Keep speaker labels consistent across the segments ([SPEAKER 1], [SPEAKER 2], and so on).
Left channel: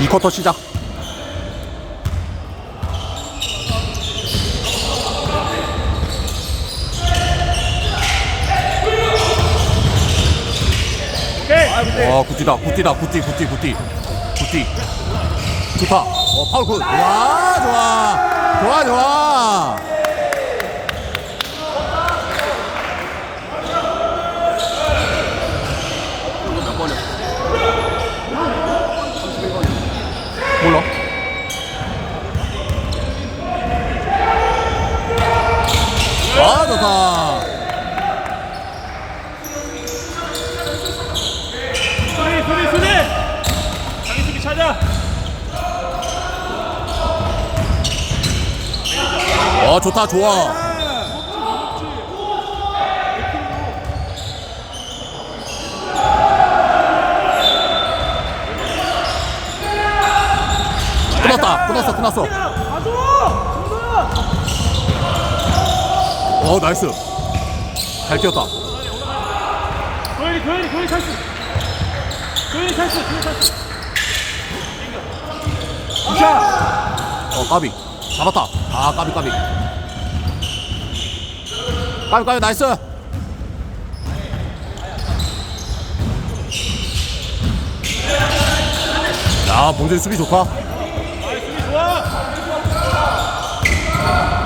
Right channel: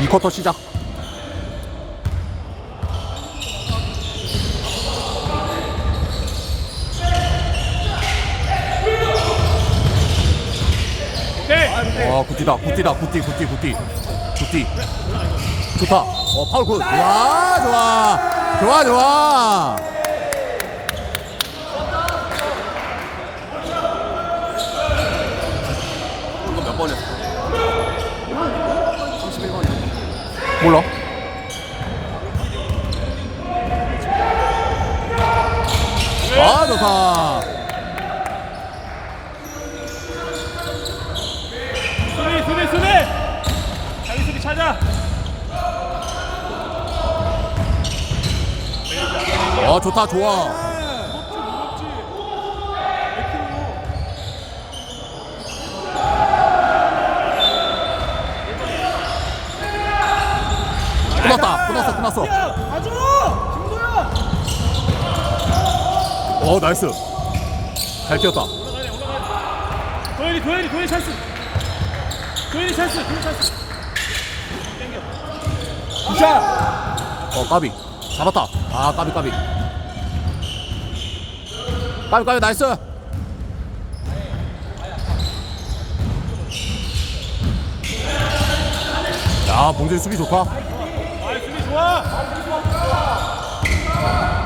[SPEAKER 1] 2쿼터 시작. 와, 굿디다, 굿디다, 굿디, 굿디, 굿디, 굿디. 좋다. 어, 파울 굿. 좋아, 좋아. 좋아, 좋아. 몰라. 아, 좋다.
[SPEAKER 2] 수비 수비 자기 수비 찾아
[SPEAKER 1] 어, 좋다, 좋아. 끝났다, 끝났어, 끝났어. 어, 나이스. 잘 뛰었다.
[SPEAKER 2] 도현이 도현이 도현이 찬스 도현이 찬스 도현이 찬스
[SPEAKER 1] 어, 까비. 잡았다. 아, 까비, 까비. 까비, 까비, 나이스. 야, 봉준이 수비 좋다.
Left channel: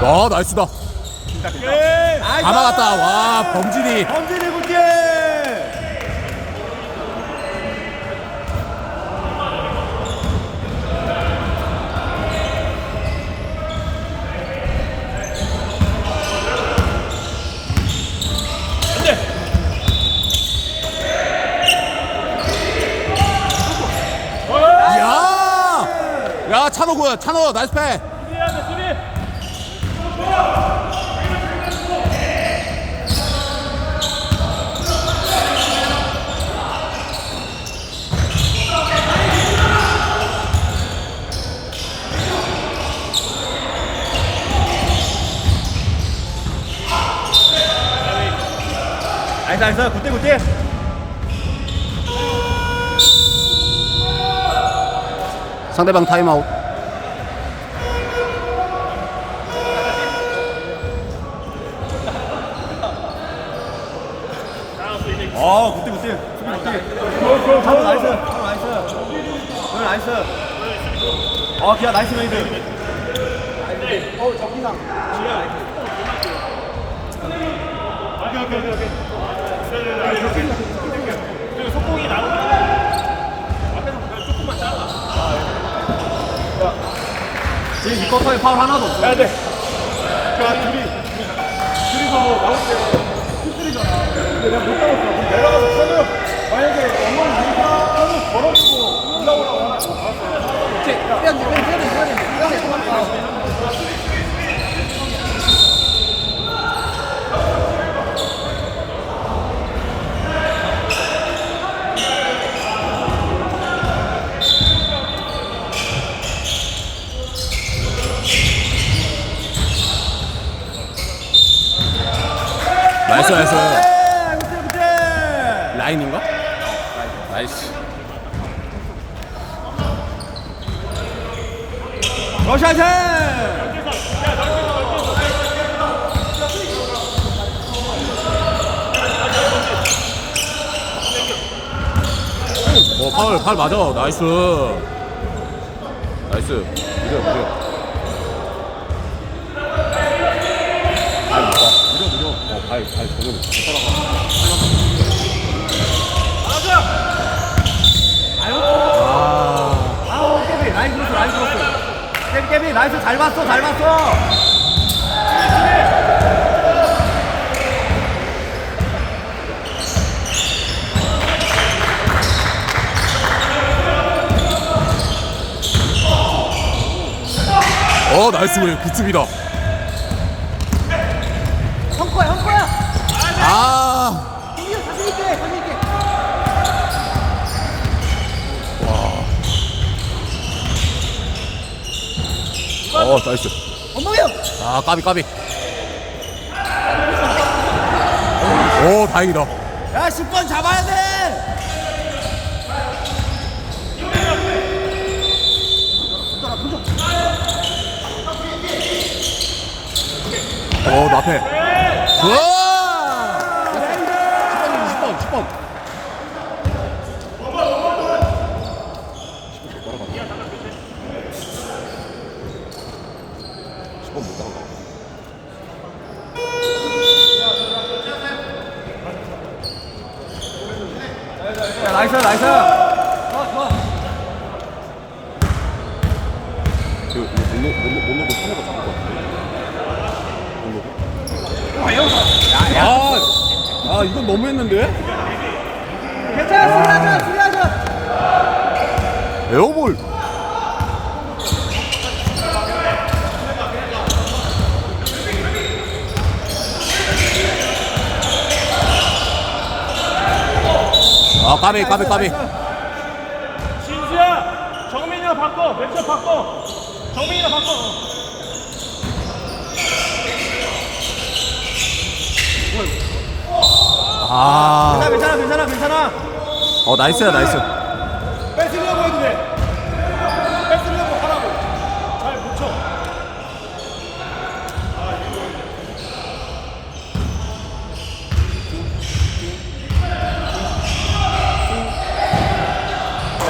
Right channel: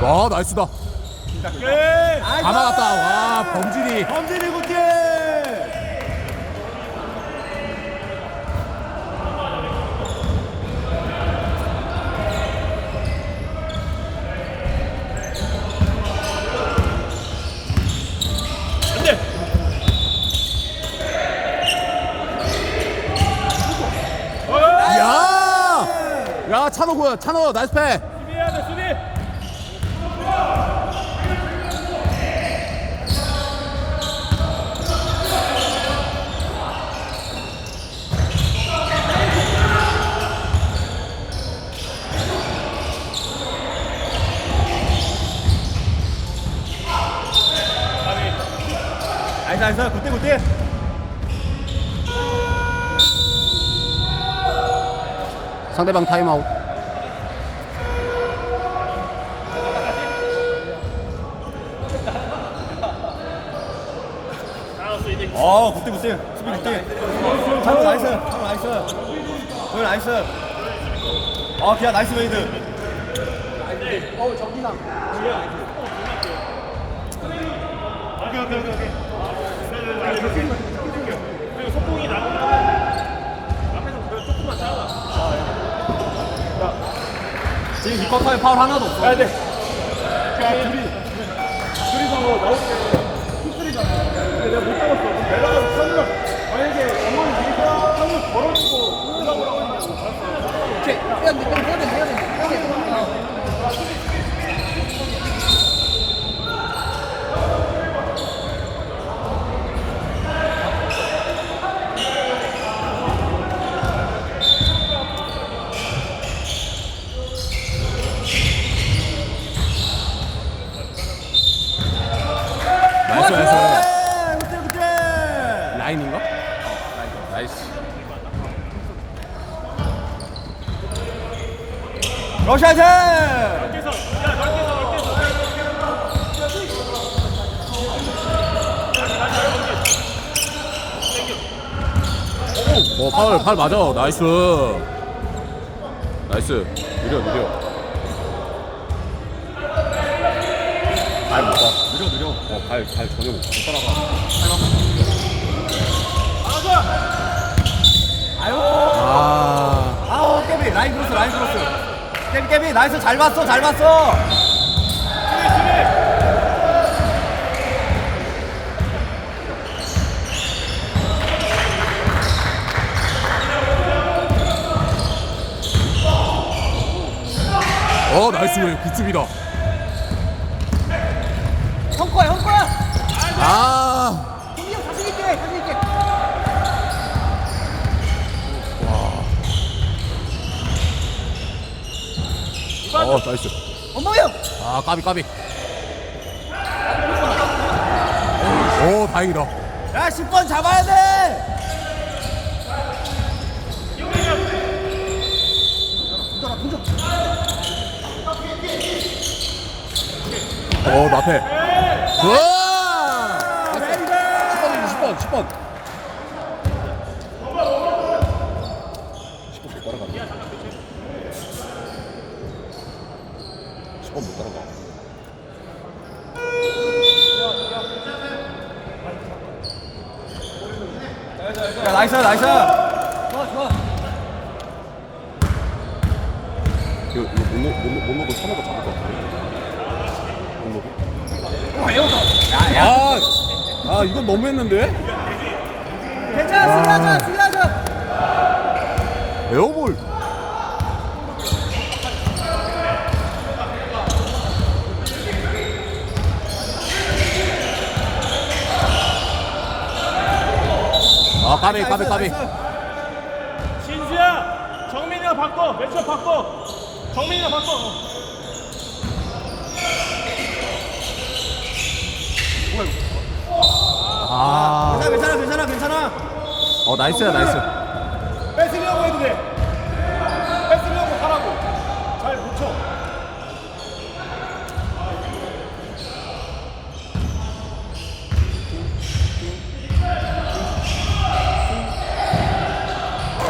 [SPEAKER 1] 와, 나이스다. 다 막았다. 와, 범진이.
[SPEAKER 2] 범진이 굿게
[SPEAKER 1] 야! 야, 찬호 굿. 찬호, 나이스 패.
[SPEAKER 2] 나이스 나이스 굿대 굿대
[SPEAKER 1] 상대방 타임아웃.
[SPEAKER 2] 아, 굿대 굿대. 수비 굿대. 차로 나이스. 차로 나이스. 오늘 나이스. 아, 기아 나이스 웨이드. 어, 정기상. 오케이, 오케이, 오케이, 오케이. 지금 이 쿼터에 파울 하나도 없어. 해야 돼. 자, 둘이 둘이서 나올 때
[SPEAKER 1] 나이스, 나이스.
[SPEAKER 2] 네, 그때 그때.
[SPEAKER 1] 라인인가? 나이스.
[SPEAKER 2] 러시아제.
[SPEAKER 1] 어, 파울, 파울 맞아. 나이스. 나이스. 무려, 무려. 무려, 무려. 어, 발, 발. 아,
[SPEAKER 2] 아, 깨비 라인 크로스 라인 크로스. 깨비 깨비 나이스 잘 봤어 잘 봤어.
[SPEAKER 1] 어, 나이스 왜 굿습이다. 어 나이스.
[SPEAKER 3] 엄마야!
[SPEAKER 1] 아 까비 까비. 오 다행이다.
[SPEAKER 2] 야 10번 잡아야 돼!
[SPEAKER 1] 어나 앞에. 우와! 10번 못 나가.
[SPEAKER 2] 나이스 나이스
[SPEAKER 1] 그, 이거 못, 놓- 못, 놓- 못 놓고 선호가 잡을 것 같은데. 못 놓고. 아, 아, 이건 너무 했는데?
[SPEAKER 2] 괜찮아 수리하자 수리하자
[SPEAKER 1] 에어볼. 아, 까비, 까비, 까비.
[SPEAKER 2] 신수야 정민이랑 바꿔. 매체 바꿔. 정민이랑 바꿔.
[SPEAKER 1] 아,
[SPEAKER 2] 괜찮아 괜찮아 괜찮아.
[SPEAKER 1] 어, 나이스야, 나이스.
[SPEAKER 2] 뺏으려고 해도 돼 뺏으려고 하라고 잘 붙여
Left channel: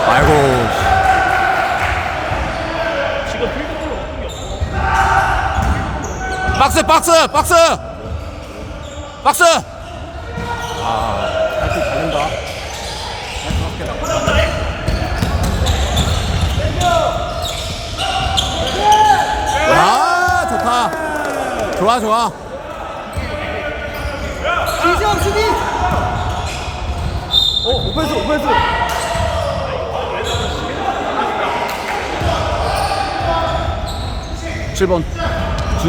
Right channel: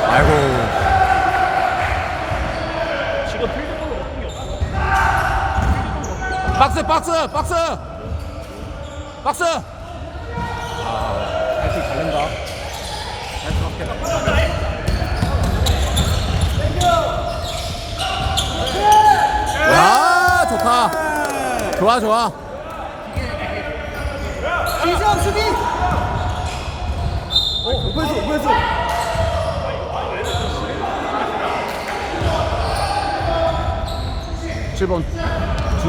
[SPEAKER 1] 아이고.
[SPEAKER 2] 지금 필드골로 먹힌 게 없어
[SPEAKER 1] 박스, 박스, 박스! 박스!
[SPEAKER 2] 발길 잘른다
[SPEAKER 1] 야, 좋다. 좋아, 좋아.
[SPEAKER 2] 이지영 수비 어 오펜스 오펜스
[SPEAKER 1] 칠번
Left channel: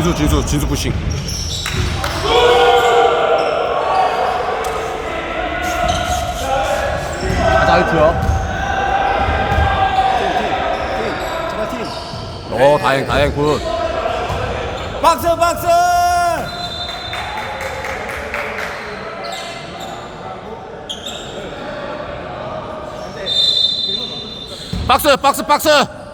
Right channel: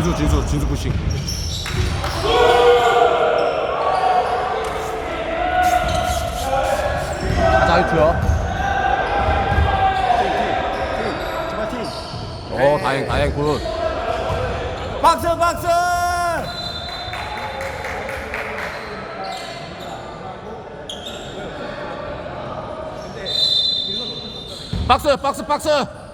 [SPEAKER 1] 진수 푸싱. 사이트야.
[SPEAKER 2] 제발 팀
[SPEAKER 1] 어, 다행, 다행, 굿.
[SPEAKER 2] 박스 박스
[SPEAKER 1] 박스, 박스, 박스!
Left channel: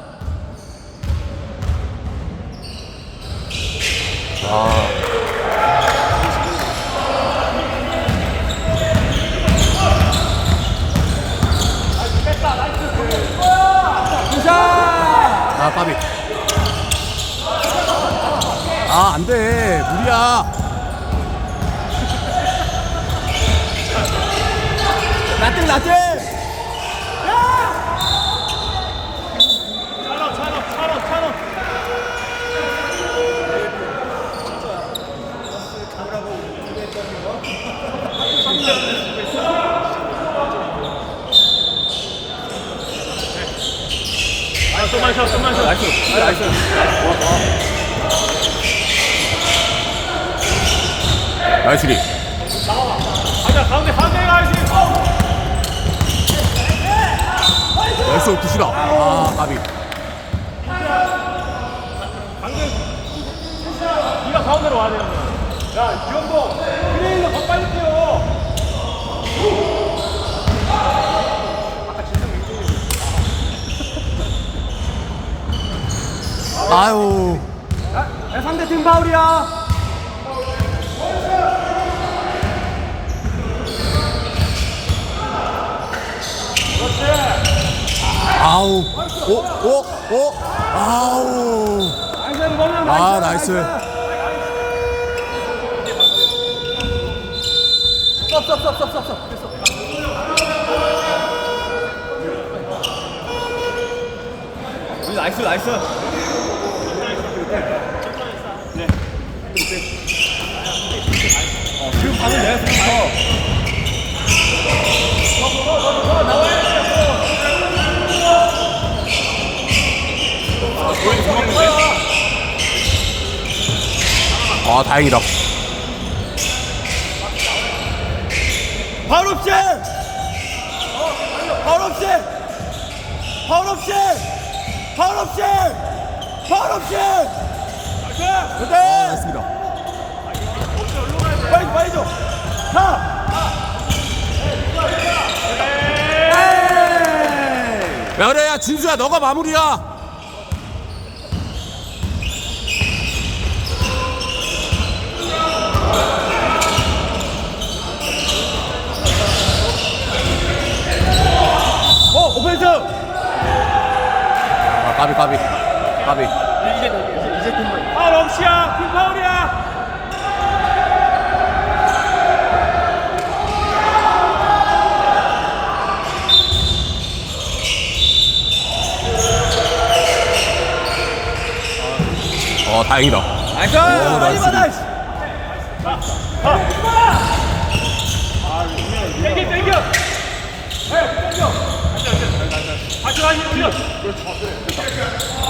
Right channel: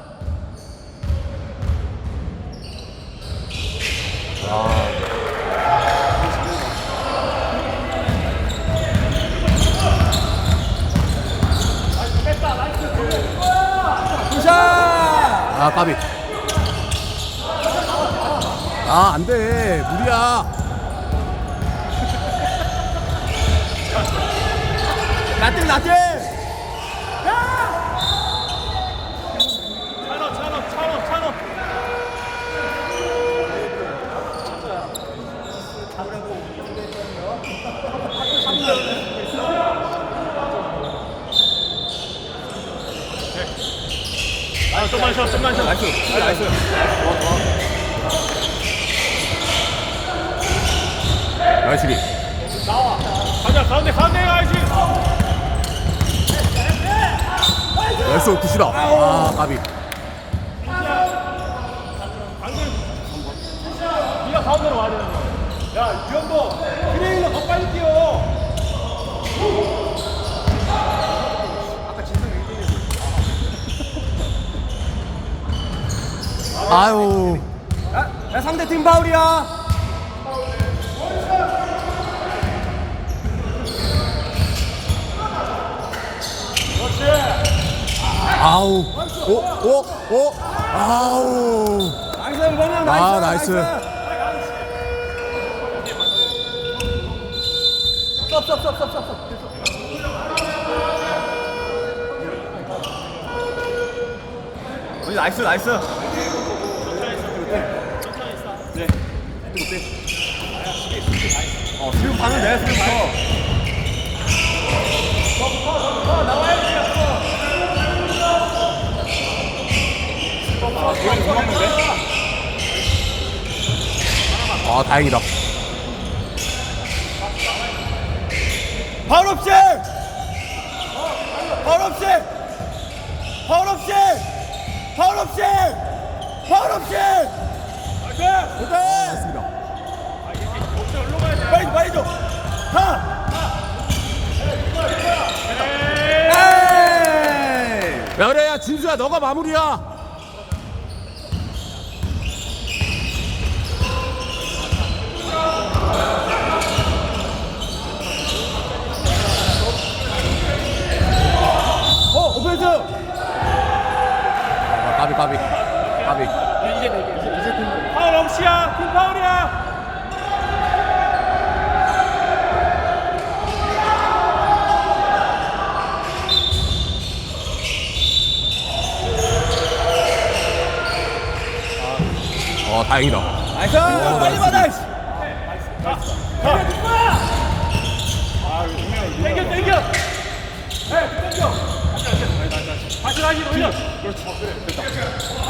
[SPEAKER 1] 아, 까비. 아, 안 돼. 무리야.
[SPEAKER 2] 라떼 라떼 나이스 나이스 좋아 좋아
[SPEAKER 1] 나이스 리.
[SPEAKER 2] 가자 가운데 가운데 가야지
[SPEAKER 1] 나이스 굿이다. 아, 까비.
[SPEAKER 2] 네가 가운데로 와야 되는 거야 야 이형도 그레일로 더 빨리 뛰어
[SPEAKER 1] 아유.
[SPEAKER 2] 야 상대 팀 파울이야
[SPEAKER 1] 아우. 오, 오, 오. 아우. 아, 나이스.
[SPEAKER 2] 썹썹썹썹썹 나이스 나이스 어 지금 바로 내 지금부터
[SPEAKER 1] 아, 다행이다.
[SPEAKER 2] 파울 없이 파울 없이 파울 없이 파울 없이 파울 없이 그래
[SPEAKER 1] 맞습니다.
[SPEAKER 2] 빨리 줘, 빨리 줘. 가. 에이!
[SPEAKER 1] 야, 그래, 야, 진수야, 너가 마무리야.
[SPEAKER 2] 나이스
[SPEAKER 1] 아 까비 까비. 까비.
[SPEAKER 2] 이제 이제 이제 팀 파울 없이야. 팀 파울이야.
[SPEAKER 1] 어 다행이다.
[SPEAKER 2] 나이스.
[SPEAKER 1] 나이스.
[SPEAKER 2] 나이스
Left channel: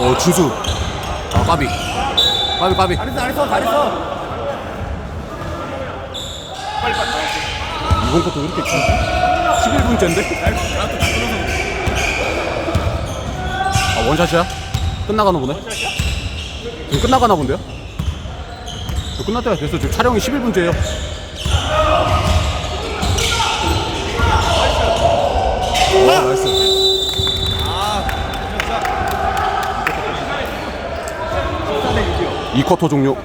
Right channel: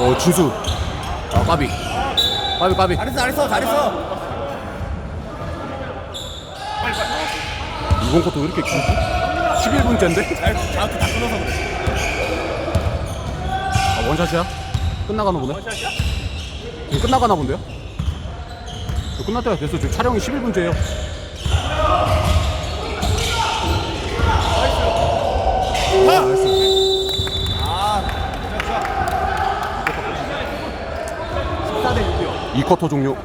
[SPEAKER 1] 어 진수 아 까비 까비 까비
[SPEAKER 2] 잘했어 잘했어 잘했어
[SPEAKER 1] 이번 것도 왜 이렇게 길지? 11분째인데? 아 원샷이야? 끝나가나 보네? 지금 끝나가나 본데요? 저 끝날 때가 됐어 지금 촬영이 11분째예요 와 나이스
[SPEAKER 2] 아 진짜 14대 6이요
[SPEAKER 1] 2쿼터 종료